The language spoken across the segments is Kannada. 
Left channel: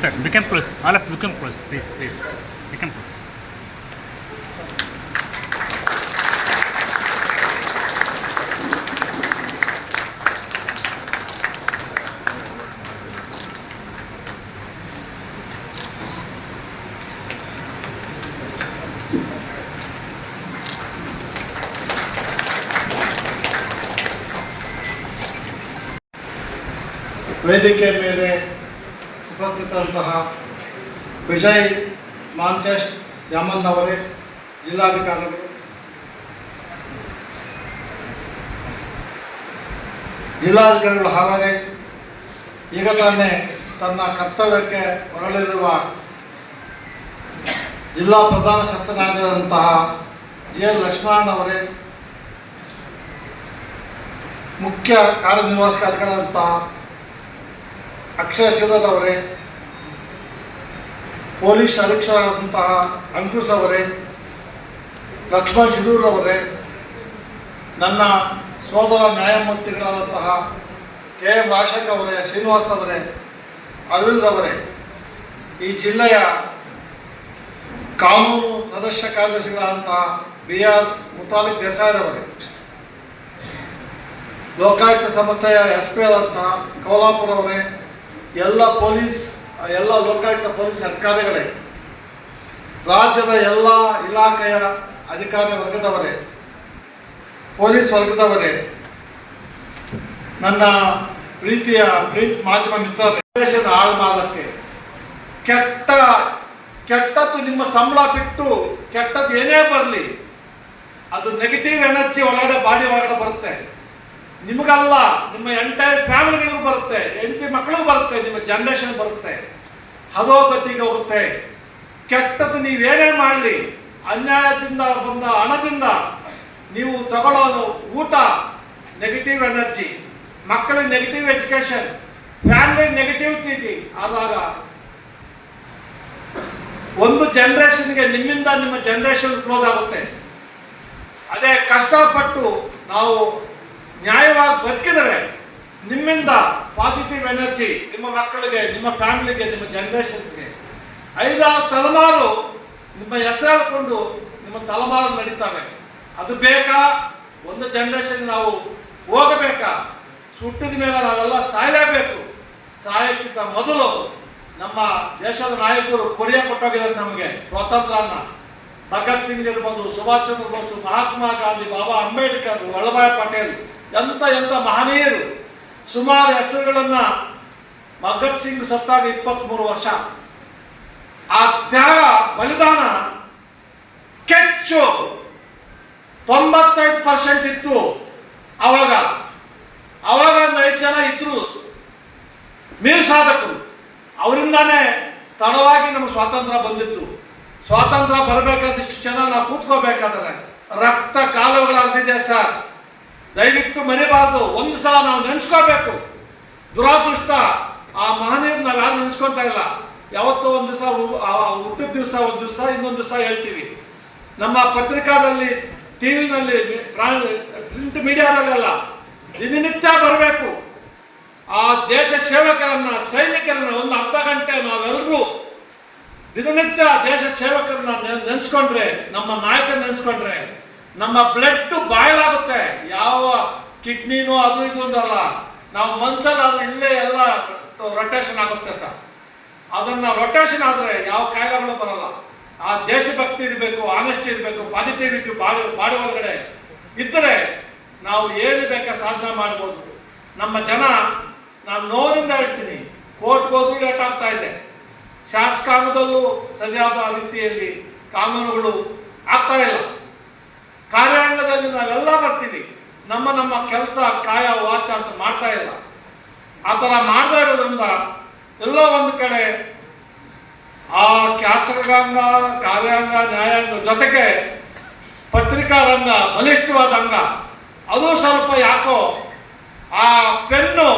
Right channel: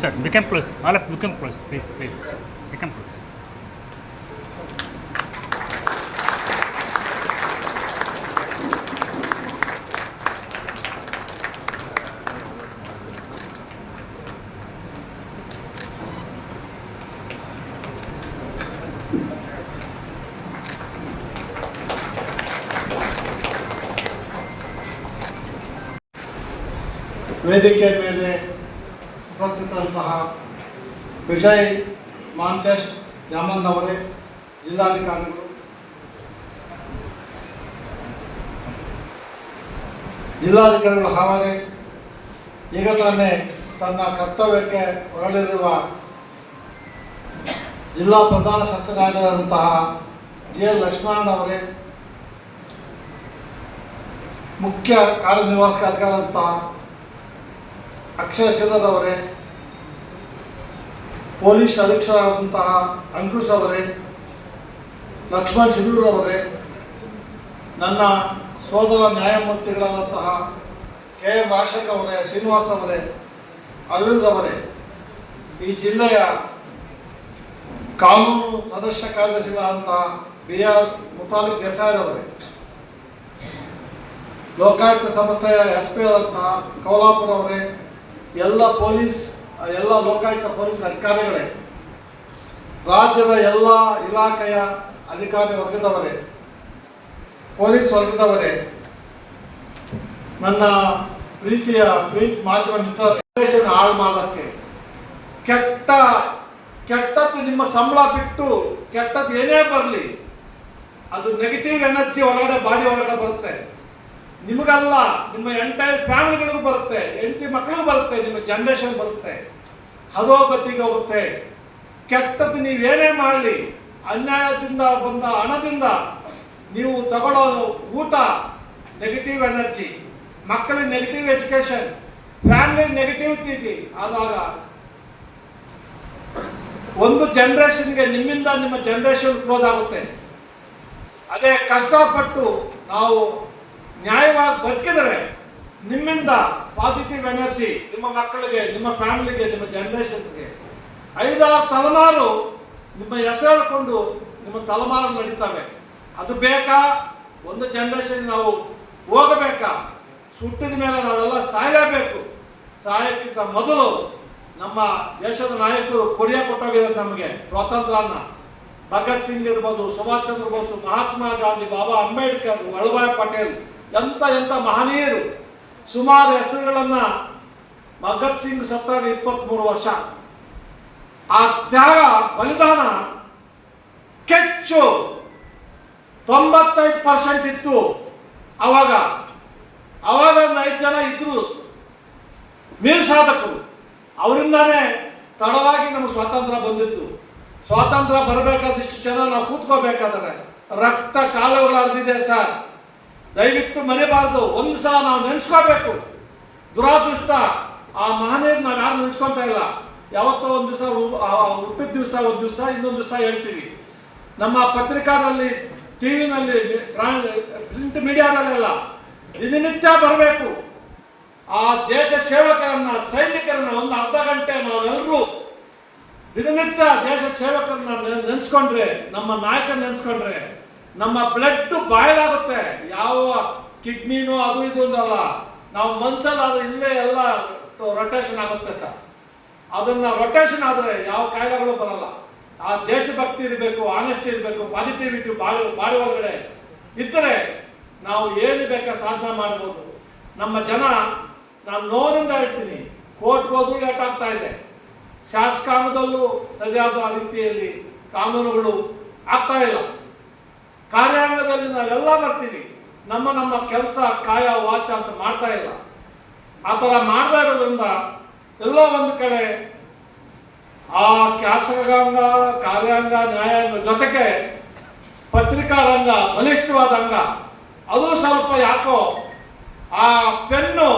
Sir, become close. All of you become close, please, please. Become close. ವೇದಿಕೆ ಮೇಲೆ ಉಪಸ್ಥಿತಂತಹ ವಿಜಯ್ ಮಾಂತೇಶ್ ಯಮನ್ ಅವರೇ, ಜಿಲ್ಲಾಧಿಕಾರಿಗಳು. ಜಿಲ್ಲಾಧಿಕಾರಿಗಳ ಹಾವರೆ ಈಗ ತಾನೇ ತನ್ನ ಕರ್ತವ್ಯಕ್ಕೆ ಹೊರಳಿರುವ ಜಿಲ್ಲಾ ಪ್ರಧಾನ ಶಸ್ತ್ರನಾಯಕರಾದಂತಹ ಜಿ ಎಲ್ ಲಕ್ಷ್ಮಣ್ ಅವರೇ, ಮುಖ್ಯ ಕಾರ್ಯನಿರ್ವಾಹಕ ಅಧಿಕಾರಿಯಾದಂತಹ ಅಕ್ಷಯ ಶ್ರೀಧರ್ ಅವರೇ ಪೊಲೀಸ್ ಅಧೀಕ್ಷರಾದಂತಹ ಅಂಕುಶ್ ಅವರೇ, ಲಕ್ಷ್ಮಣ್ ಶಿರೂರ್ ಅವರೇ, ನನ್ನ ಸೋದರ ನ್ಯಾಯಮೂರ್ತಿಗಳಾದಂತಹ ಕೆ. ಎಂ ರಾಜಶೇಖರ್ ಅವರೇ, ಶ್ರೀನಿವಾಸ್ ಅವರೇ, ಅರವಿಂದ್ ಅವರೇ, ಈ ಜಿಲ್ಲೆಯ ಕಾನೂನು ಸದಸ್ಯ ಕಾರ್ಯದರ್ಶಿಗಳಾದಂತಹ ಬಿ. ಆರ್. ಮುತಾಲಿಕ್ ದೇಸಾಯಿರವರೇ ಲೋಕಾಯುಕ್ತ ಸಂಸ್ಥೆಯ ಎಸ್. ಪಿ. ಆದಂತಹ ಕೋಲಾಪುರ ಅವರೇ, ಎಲ್ಲ ಪೊಲೀಸ್ ಎಲ್ಲ ಲೋಕಾಯುಕ್ತ ಪೊಲೀಸ್ ಅಧಿಕಾರಿಗಳೇ, ರಾಜ್ಯದ ಎಲ್ಲ ಇಲಾಖೆಯ ಅಧಿಕಾರಿ ವರ್ಗದವರೇ, ಪೊಲೀಸ್ ವರ್ಗದವರೇ, ನನ್ನ ಪ್ರೀತಿಯ ಪ್ರಿಂಟ್ ಮಾಧ್ಯಮ ಮಿತ್ರರೇ ಹಾಳು ಕೆಟ್ಟ, ಕೆಟ್ಟದ್ದು ನಿಮ್ಮ ಸಂಬಳ ಬಿಟ್ಟು ಕೆಟ್ಟದ್ದು ಏನೇ ಬರಲಿ, ಅದು ನೆಗೆಟಿವ್ ಎನರ್ಜಿ ಒಳಗಡೆ ಬಾಡಿ ಒಳಗಡೆ ಬರುತ್ತೆ. ನಿಮಗಲ್ಲ, ನಿಮ್ಮ ಎಂಟೈರ್ ಫ್ಯಾಮಿಲಿಗಳಿಗೂ ಬರುತ್ತೆ, ಹೆಂಡತಿ ಮಕ್ಕಳು ಬರುತ್ತೆ, ನಿಮ್ಮ ಜನರೇಷನ್ ಬರುತ್ತೆ. ಹದೋಗತಿಗೆ ಹೋಗುತ್ತೆ. ಕೆಟ್ಟದ್ದು ನೀವೇನೇ ಮಾಡಲಿ, ಅನ್ಯಾಯದಿಂದ ಬಂದ ಹಣದಿಂದ ನೀವು ತಗೊಳ್ಳೋದು ಊಟ ನೆಗೆಟಿವ್ ಎನರ್ಜಿ ಮಕ್ಕಳಿಗೆ ನೆಗೆಟಿವ್ ಎಜುಕೇಶನ್ ಫ್ಯಾಮಿಲಿ ನೆಗೆಟಿವ್ ತಿಥಿ ಆದಾಗ ಒಂದು ಜನರೇಷನ್ಗೆ ನಿಮ್ಮಿಂದ ನಿಮ್ಮ ಜನರೇಷನ್ ಕ್ಲೋಸ್ ಆಗುತ್ತೆ. ಅದೇ ಕಷ್ಟಪಟ್ಟು ನಾವು ನ್ಯಾಯವಾಗಿ ಬದುಕಿದರೆ ನಿಮ್ಮಿಂದ ಪಾಸಿಟಿವ್ ಎನರ್ಜಿ ನಿಮ್ಮ ಮಕ್ಕಳಿಗೆ, ನಿಮ್ಮ ಫ್ಯಾಮಿಲಿಗೆ, ನಿಮ್ಮ ಜನರೇಷನ್ಸ್ಗೆ. ಐದಾರು ತಲೆಮಾರು ನಿಮ್ಮ ಹೆಸರು ನಿಮ್ಮ ತಲೆಮಾರು ನಡೀತವೆ. ಅದು ಬೇಕಾ? ಒಂದು ಜನರೇಷನ್ ನಾವು ಹೋಗಬೇಕಾ? ಸುಟ್ಟಿದ ಮೇಲೆ ನಾವೆಲ್ಲ ಸಾಯಲೇಬೇಕು. ಸಾಯಕ್ಕಿಂತ ಮೊದಲು ನಮ್ಮ ದೇಶದ ನಾಯಕರು ಕೊಡಿಯ ಕೊಟ್ಟೋಗಿದ್ದಾರೆ ನಮಗೆ. ಸ್ವಾತಂತ್ರ್ಯನ. ಭಗತ್ ಸಿಂಗ್ ಇರ್ಬೋದು, ಸುಭಾಷ್ ಚಂದ್ರ ಬೋಸ್, ಮಹಾತ್ಮ ಗಾಂಧಿ, ಬಾಬಾ ಅಂಬೇಡ್ಕರ್, ವಲ್ಲಭಾಯ್ ಪಟೇಲ್, ಎಂತ ಎಂತ ಮಹನೀಯರು. ಸುಮಾರು ಹೆಸರುಗಳನ್ನ ಭಗತ್ ಸಿಂಗ್ ಸತ್ತಾಗ ಇಪ್ಪತ್ಮೂರು ವರ್ಷ. ಆ ತ್ಯಾಗ, ಬಲಿದಾನ ಕೆಚ್ಚು. ತೊಂಬತ್ತೈದು ಪರ್ಸೆಂಟ್ ಇತ್ತು ಅವಾಗ. ಅವಾಗ ಐದು ಜನ ಇದ್ರು. ನೀರು ಸಾಧಕರು. ಅವರಿಂದಾನೇ ತಡವಾಗಿ ನಮ್ಗೆ ಸ್ವಾತಂತ್ರ್ಯ ಬಂದಿತ್ತು. ಸ್ವಾತಂತ್ರ್ಯ ಬರಬೇಕಾದಿಷ್ಟು ಜನ ನಾವು ಕೂತ್ಕೋಬೇಕಾದ್ರೆ ರಕ್ತ ಕಾಲುಗಳು ಸರ್. ದಯವಿಟ್ಟು ಮರಿಬಾರ್ದು. ಒಂದು ಸಲ ನಾವು ನೆನೆಸ್ಕೋಬೇಕು. ದುರಾದೃಷ್ಟ. ಆ ಮಹನೀಯರು ನಾವು ಯಾರು ನೆನೆಸ್ಕೊಂತ ಇಲ್ಲ. ಯಾವತ್ತೋ ಒಂದು ದಿವಸ ಹುಟ್ಟಿದ ದಿವಸ, ಒಂದು ದಿವಸ, ಇನ್ನೊಂದು ದಿವಸ ಹೇಳ್ತೀವಿ. ನಮ್ಮ ಪತ್ರಿಕಾದಲ್ಲಿ, ಟಿವಿನಲ್ಲಿ ಪ್ರಿಂಟ್ ಮೀಡಿಯಾದಲ್ಲೆಲ್ಲ ದಿನನಿತ್ಯ ಬರಬೇಕು. ಆ ದೇಶ ಸೇವಕರನ್ನ, ಸೈನಿಕರನ್ನ ಒಂದು ಅರ್ಧ ಗಂಟೆ ನಾವೆಲ್ಲರೂ ದಿನನಿತ್ಯ ದೇಶ ಸೇವಕರನ್ನ ನೆನೆಸ್ಕೊಂಡ್ರೆ, ನಮ್ಮ ನಾಯಕ ನೆನ್ಸ್ಕೊಂಡ್ರೆ, ನಮ್ಮ ಬ್ಲಡ್ ಬಾಯ್ಲಾಗುತ್ತೆ. ಯಾವ ಕಿಡ್ನಿನೂ ಅದು ಇದು ಅಂತಲ್ಲ ನಾವು ಮನ್ಸಲ್ಲಿ ಅದು ಇಲ್ಲೇ ಎಲ್ಲ ರೊಟೇಷನ್ ಆಗುತ್ತೆ ಸರ್. ಅದನ್ನ ರೊಟೇಷನ್ ಆದರೆ ಯಾವ ಕಾಯಿಲೆಗಳು ಬರಲ್ಲ. ಆ ದೇಶಭಕ್ತಿ ಇರಬೇಕು ಆನೆಸ್ಟಿ ಇರಬೇಕು ಪಾಸಿಟಿವಿಟಿ ಬಾಡಿ ಬಾಡಿ ಒಳಗಡೆ ಇದ್ದರೆ ನಾವು ಏನು ಬೇಕಾ ಸಾಧನೆ ಮಾಡ್ಬೋದು. ನಮ್ಮ ಜನ, ನಾನು ನೋವಿನಿಂದ ಹೇಳ್ತೀನಿ, ಕೋರ್ಟ್ಗೆ ಹೋದ್ರೂ ಲೇಟ್ ಆಗ್ತಾ ಇದೆ. ಶಾಸಕಾಂಗದಲ್ಲೂ ಸರಿಯಾದ ರೀತಿಯಲ್ಲಿ ಕಾನೂನುಗಳು ಆಗ್ತಾ ಇಲ್ಲ. ಕಾರ್ಯಾಂಗದಲ್ಲಿ ನಾವೆಲ್ಲ ಬರ್ತೀವಿ. ನಮ್ಮ ನಮ್ಮ ಕೆಲಸ, ಕಾಯ, ವಾಚ ಅಂತ ಮಾಡ್ತಾ ಇಲ್ಲ. ಆ ಥರ ಮಾಡ್ತಾ ಇರೋದ್ರಿಂದ ಎಲ್ಲೋ ಒಂದು ಕಡೆ ಆ ಶಾಸಕಾಂಗ, ಕಾರ್ಯಾಂಗ, ನ್ಯಾಯಾಂಗ ಜೊತೆಗೆ ಪತ್ರಿಕಾ ರಂಗ ಬಲಿಷ್ಠವಾದ ಅಂಗ, ಅದು ಸ್ವಲ್ಪ ಯಾಕೋ ಆ ಪೆನ್ನು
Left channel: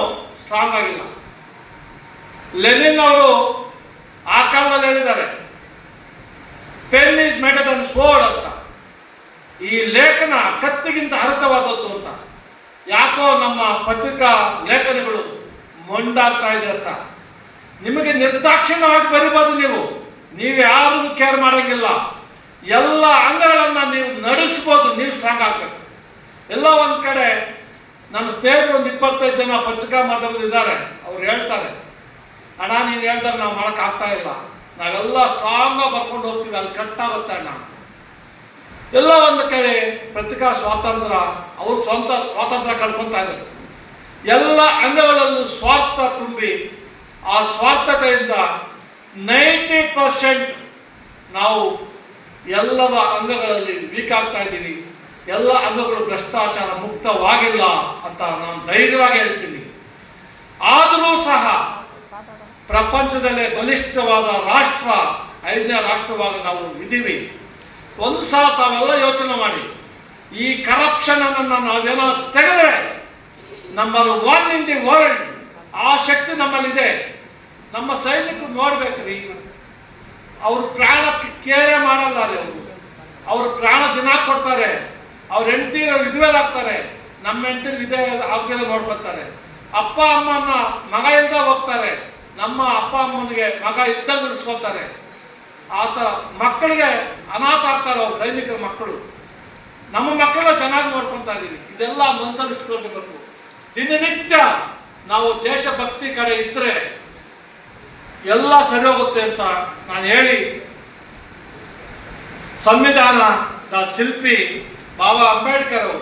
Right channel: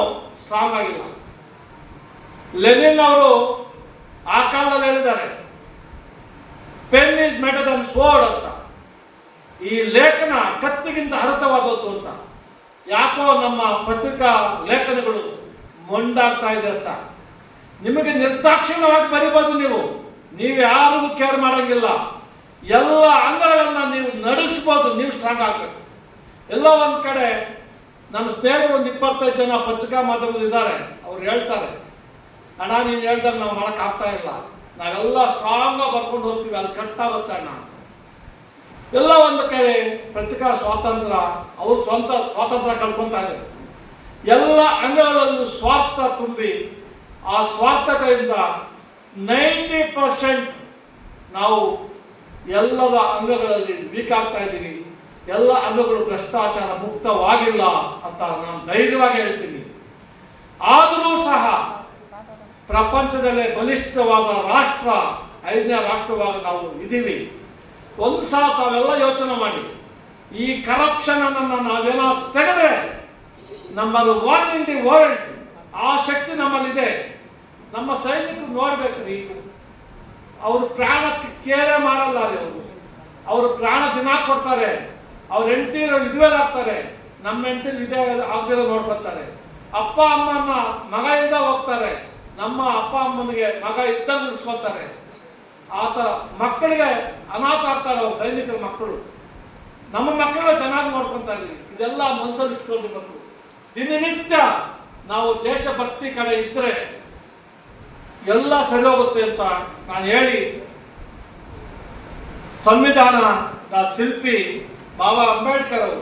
ಸ್ಟ್ರಾಂಗ್ ಆಗಿಲ್ಲ. ಲೆನಿನ್ ಅವರು ಹೇಳಿದ್ದಾರೆ pen is mightier than sword ಅಂತ. ಈ ಲೇಖನ ಕತ್ತಿಗಿಂತ ಅರ್ಥವಾದದ್ದು ಅಂತ. ಯಾಕೋ ನಮ್ಮ ಪತ್ರಿಕಾ ಲೇಖನಗಳು ಮೊಂಡಾಗ್ತಾ ಇದೆ ಸರ್. ನಿಮಗೆ ನಿರ್ದಾಕ್ಷಿಣ್ಯವಾಗಿ ಬರಿಬೋದು ನೀವು. ನೀವು ಯಾರಿಗೂ ಕೇರ್ ಮಾಡಂಗಿಲ್ಲ. ಎಲ್ಲ ಅಂಗಗಳನ್ನ ನೀವು ನಡೆಸ್ಬೋದು, ನೀವು ಸ್ಟ್ರಾಂಗ್ ಆಗ್ಬೇಕು. ಎಲ್ಲ ಒಂದ್ ಕಡೆ ನಮ್ಮ ಸ್ನೇಹಿತರು ಒಂದು ಇಪ್ಪತ್ತೈದು ಜನ ಪತ್ರಿಕಾ ಮಾಧ್ಯಮದಲ್ಲಿ ಇದ್ದಾರೆ ಅವ್ರು ಹೇಳ್ತಾರೆ, ಅಣ್ಣ, ನೀನು ಹೇಳ್ದಾಗ ನಾವು ಮಾಡಕ್ ಆಗ್ತಾ ಇಲ್ಲ. ನಾವೆಲ್ಲ ಸ್ಟ್ರಾಂಗ್ ಬರ್ಕೊಂಡು ಹೋಗ್ತೀವಿ, ಅಲ್ಲಿ ಕಟ್ಟಾಗುತ್ತೆ ಅಣ್ಣ? ಎಲ್ಲ ಒಂದು ಕಡೆ ಪತ್ರಿಕಾ ಸ್ವಾತಂತ್ರ್ಯ, ಅವರು ಸ್ವಂತ ಸ್ವಾತಂತ್ರ್ಯ ಕಳ್ಕೊಂತ ಇದ್ದಾರೆ. ಎಲ್ಲ ಅಂಗಗಳಲ್ಲೂ ಸ್ವಾರ್ಥ ತುಂಬಿ, ಆ ಸ್ವಾರ್ಥತೆಯಿಂದ ನೈಂಟಿ ಪರ್ಸೆಂಟ್ ನಾವು ಎಲ್ಲರ ಅಂಗಗಳಲ್ಲಿ ವೀಕ್ ಆಗ್ತಾ ಇದ್ದೀವಿ ಎಲ್ಲ ಅಂಗಗಳು ಭ್ರಷ್ಟಾಚಾರ ಮುಕ್ತವಾಗಿಲ್ಲ ಅಂತ ನಾನು ಧೈರ್ಯವಾಗಿ ಹೇಳ್ತೀನಿ. ಆದರೂ ಸಹ ಪ್ರಪಂಚದಲ್ಲೇ ಬಲಿಷ್ಠವಾದ ರಾಷ್ಟ್ರ, ಐದನೇ ರಾಷ್ಟ್ರವಾಗಿ ನಾವು ಇದ್ದೀವಿ. ಒಂದು ಸಲ ತಾವೆಲ್ಲ ಯೋಚನೆ ಮಾಡಿ. ಈ ಕರಪ್ಷನ್ ಅನ್ನ ನಾವೇನೋ ತೆಗೆದ್ರೆ ನಮ್ಮಲ್ಲಿ ಒನ್ ಇನ್ ದಿ ವರ್ಲ್ಡ್ ಆ ಶಕ್ತಿ ನಮ್ಮಲ್ಲಿದೆ. ನಮ್ಮ ಸೈನಿಕರು ನೋಡ್ಬೇಕ್ರಿ ಅವ್ರ ಪ್ರಾಣಕ್ಕೆ ಕೇರೆ ಮಾಡಲ್ಲ ಅವರು. ಅವ್ರ ಪ್ರಾಣ ದಿನ ಕೊಡ್ತಾರೆ. ಅವ್ರ ಹೆಂಡತಿ ವಿಧವೇರಾಗ್ತಾರೆ ನಮ್ಮ ಹೆಂಡತಿ ವಿಧವೆ ಆಗ್ದಿರೋ ನೋಡ್ಕೊತಾರೆ ಅಪ್ಪ, ಅಮ್ಮನ ಮಗ ಇಲ್ದ ಹೋಗ್ತಾರೆ. ನಮ್ಮ ಅಪ್ಪ ಅಮ್ಮನಿಗೆ ಮಗ ಇದ್ದಂಗೆ ಉಳಿಸ್ಕೊತಾರೆ ಆತ ಮಕ್ಕಳಿಗೆ ಅನಾಥ ಆಗ್ತಾರೆ ಅವ್ರ, ಸೈನಿಕರ ಮಕ್ಕಳು. ನಮ್ಮ ಮಕ್ಕಳನ್ನ ಚೆನ್ನಾಗಿ ನೋಡ್ಕೊತಾ ಇದೀವಿ ಇದೆಲ್ಲ ಮನಸ್ಸಲ್ಲಿ ಇಟ್ಕೊಂಡಿರ್ಬೇಕು ದಿನನಿತ್ಯ ನಾವು ದೇಶಭಕ್ತಿ ಕಡೆ ಇದ್ರೆ ಎಲ್ಲ ಸರಿ ಹೋಗುತ್ತೆ ಅಂತ ನಾನು ಹೇಳಿ, ಸಂವಿಧಾನದ ಶಿಲ್ಪಿ ಬಾಬಾ ಅಂಬೇಡ್ಕರ್ ಅವರು